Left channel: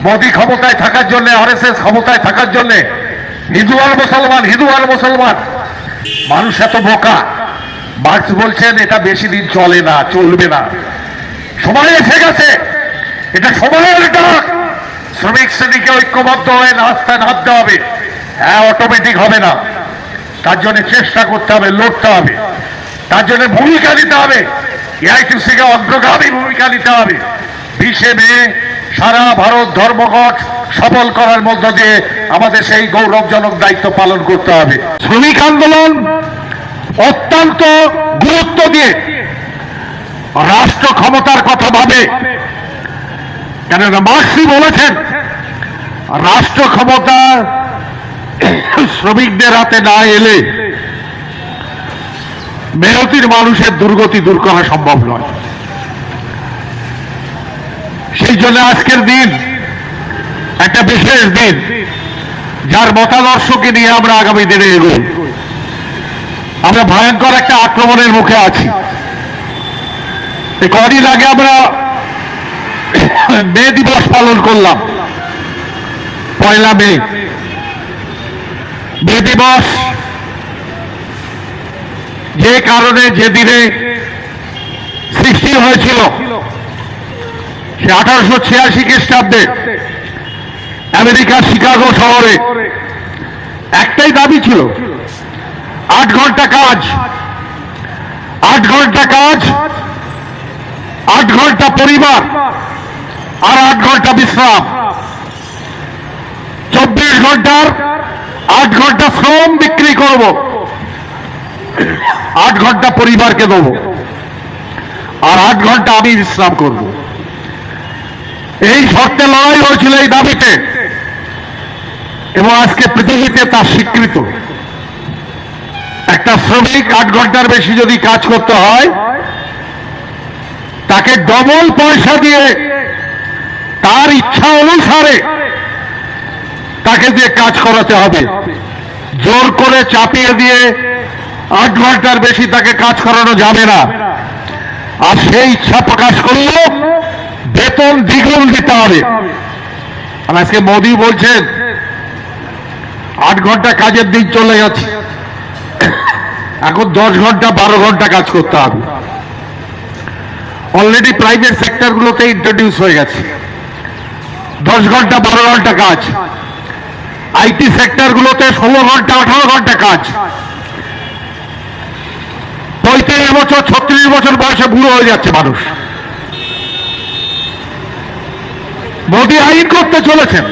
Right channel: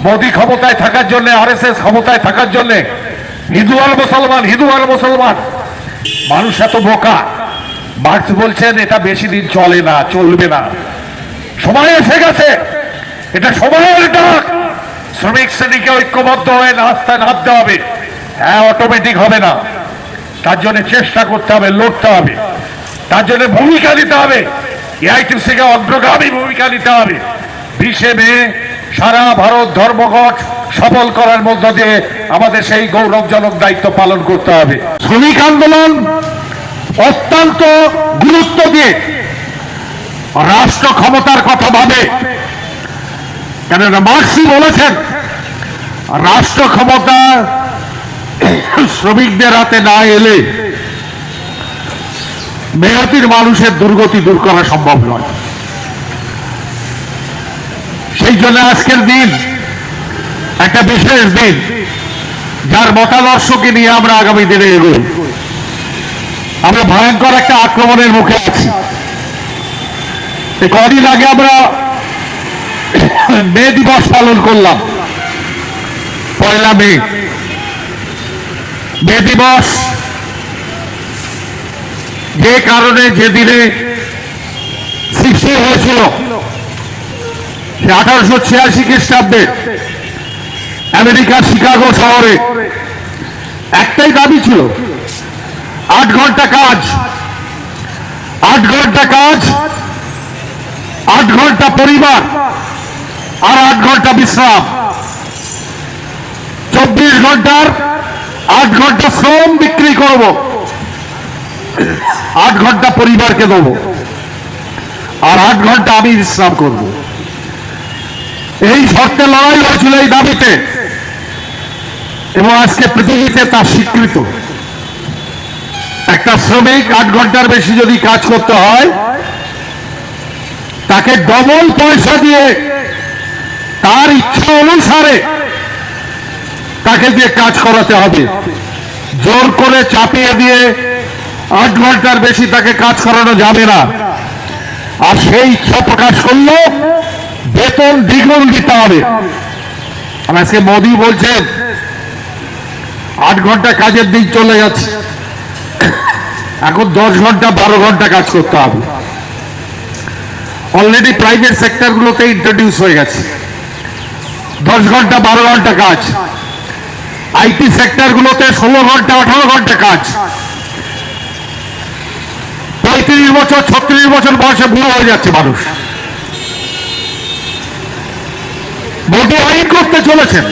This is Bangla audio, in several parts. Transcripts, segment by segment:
মোদী ক্ষমতায় থাকার জন্য, আরএসএস ক্ষমতায় থাকার জন্য হিন্দু আর মুসলমান হিন্দু আর মুসলমান। মানুষ এত বোকা। মার্ক্স বলছেন, এটা বেশি দিন চলে না, চলবে না। সময় এসে গেছে। এটা সময়ের ডাক। শ্রমিক শ্রেণীকে ঐক্যবদ্ধ হয়ে রাস্তা নামতে হবে। হ্যাঁ অটোমেটিক হবে না। তার জন্য চেষ্টা করতে হবে, লড়তে হবে। তার জন্য ভূমিকা নিতে হবে। এআইটিসি কে অগ্রগামী ভূমিকা নিতে হবে। মে সারা ভারত ধর্মঘট সফল করার মধ্য দিয়ে আমাদের সেই গৌরবজনক দায়িত্ব পালন করতে হবে। শ্রমিক আন্দোলন অত্যন্ত গুরুত্ব দিয়ে রাষ্ট্র ক্ষমতার কথা ভাবে। কেননা মার্সি বলেছেন, রাষ্ট্র ক্ষমতা শ্রমিকদের হাতে না এলে মেহতির মানুষের দুর্গতি দূর করা সম্ভব নয়। জন্য আজকের দিন, একটা বিশেষ দিন, যার মতাদর্শকে নিয়ে আমরা আগামী দিনে এগোই। আমরা ভয়ঙ্কর একটা আক্রমণের মুখে আছি। কদিন আগে আমরা মে দিবস পালন করলাম, পয়লা মে। মে দিবস যে কারণে যে দিনে সৃষ্টি হয়েছিল সে আঠারোশো ছিয়াশি খ্রিস্টাব্দে আমেরিকার শিকাগো শহরে একটাই দাবি ছিল, আট ঘণ্টা কাজ। আট ঘণ্টা কাজ, আট ঘণ্টা পরিবার, আর আট ঘণ্টা বিশ্রাম। চব্বিশ ঘণ্টার আট ঘণ্টা শ্রম বিক্রি করব, আট ঘণ্টা পরিবারকে দেব, আর আট ঘণ্টা আমি বিশ্রাম করব। এই শর্তে লড়াই হয়েছিল এই দাবিতে। এবং আজকে পৃথিবীতে তার স্বীকৃত। একটা শ্রমিক আট ঘণ্টার বেশি যদি কাজ করতে হয়, তাকে ডবল পয়সা দিয়ে তার ইচ্ছা অনুসারে তাকে দিয়ে কাজ করাতে হবে। জোর করে চাপিয়ে দিয়ে আট ঘণ্টার বেশি তাকে কাজ করানো যাবে না। আর সেই ইচ্ছা প্রকাশ করলেও বেতন দ্বিগুণ দিতে হবে। আর আজকে মোদী বলছেন, আট ঘণ্টা কাজের দিন চলে গেছে। এখন দশ ঘণ্টা, বারো ঘণ্টা কাজ করতে হবে। অলরেডি প্রাইভেট সেক্টরগুলোতে ইন্ট্রোডিউস হয়ে গেছে। দশ ঘণ্টা, বারো ঘণ্টা কাজ। আইটি সেক্টরগুলোতে ষোলো ঘণ্টা, আঠারো ঘণ্টা কাজ। পঁয়ত্রিশ বছর, ছত্রিশ বছর বয়সে বুড়ো হয়ে যাচ্ছে মানুষ। মোদী আইন করতে চলেছেন।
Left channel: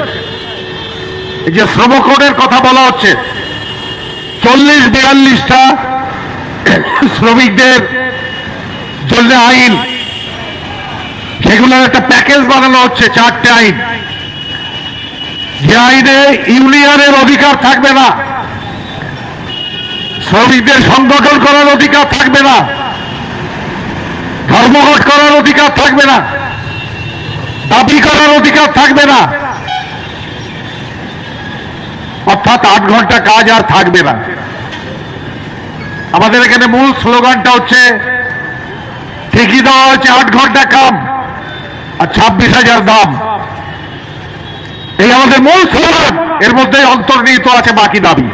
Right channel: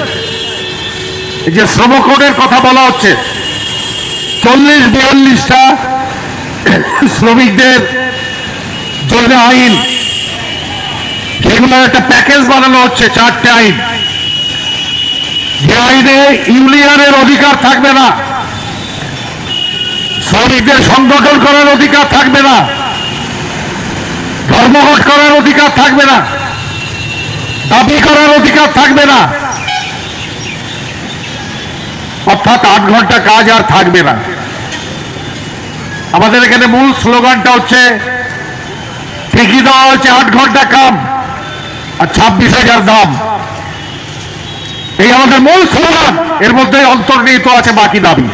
এই যে শ্রম কোডের কথা বলা হচ্ছে, চল্লিশ বিয়াল্লিশটা শ্রমিকদের জন্য আইন সেগুলোর একটা প্যাকেজ বানানো হচ্ছে, চারটে আইন। যে আইনে ইউনিয়নের অধিকার থাকবে না, শ্রমিকদের সংগঠন করার অধিকার থাকবে না, ধর্মঘট করার অধিকার থাকবে না। দাবি করার অধিকার থাকবে না। অর্থাৎ আট ঘণ্টা কাজ আর থাকবে না। আমাদের এখানে মূল স্লোগানটা হচ্ছে, ঠিকই দেওয়া হচ্ছে আট ঘণ্টা কাম আর ছাব্বিশ হাজার দাম। এই আমাদের মূল স্লোগান, এর মধ্যে অন্তর্নিহিত আছে বাকি দাবি।